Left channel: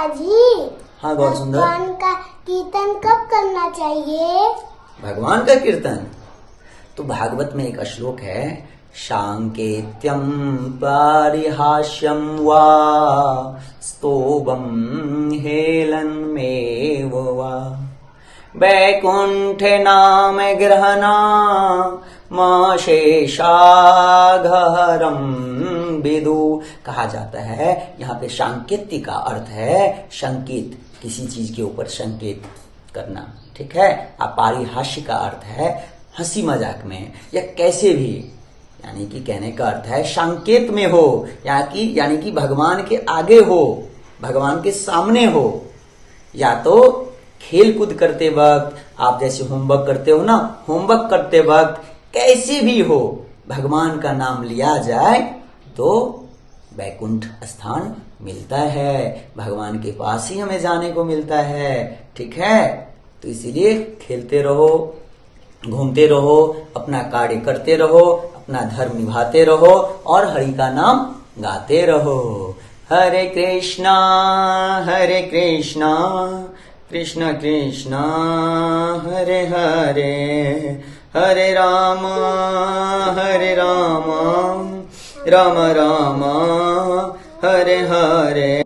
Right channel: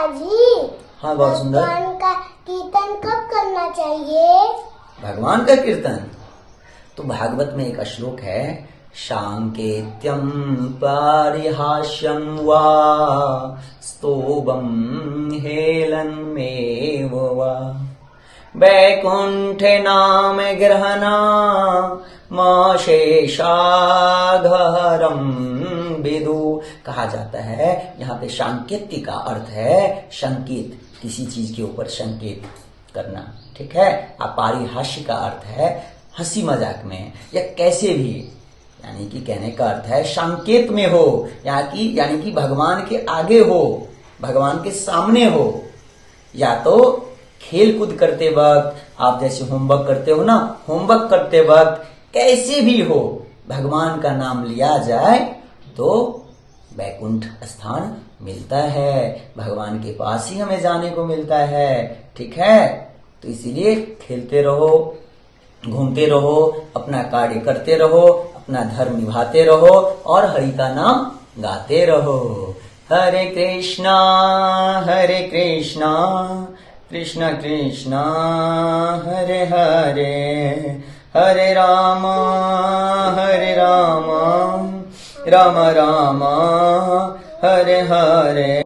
पिताजी, हाँ बहुत सुंदर। भगवान का कीर्तन कब करना चाहिए? भगवान का कीर्तन तो भागवत में एक श्लोक है, शांकेत्यम पारिहास्यम वा स्तोभम हेलनमेव वा वैकुंठ नाम ग्रहणा शेषाघरम विदु। कहा जाता है यहाँ पे सांकेत्य का अर्थ है संकेत, किसी चीज के ऊपर संकेत करना, ठीक है। पारिहास्य का अर्थ है हंसी मजाक में या कैसे भी, यानी कि कहने का अर्थ है संकेत में हो, यानी कि भगवान के आगे हो, भगवान के सामने हो, या तो खेल कूद करते वक्त, आप जैसे होमवर्क करते हो ना, होमवर्क करते वक्त कैसे भी हो, भगवान का नाम लिया जाए तो वैकुंठ स्थान मिलता है, भगवान के पास ही हमें जाने को मिलता है, ठीक है। तो इसीलिए खेलते रहो, घूमते रहो, अपना कार्य करते रहो, अपना धर्म निभाते रहो और हरि का नाम गाते रहो। हरे कृष्णा कृष्ण कृष्णा हरे हरे, हरे राम राम राम हरे हरे।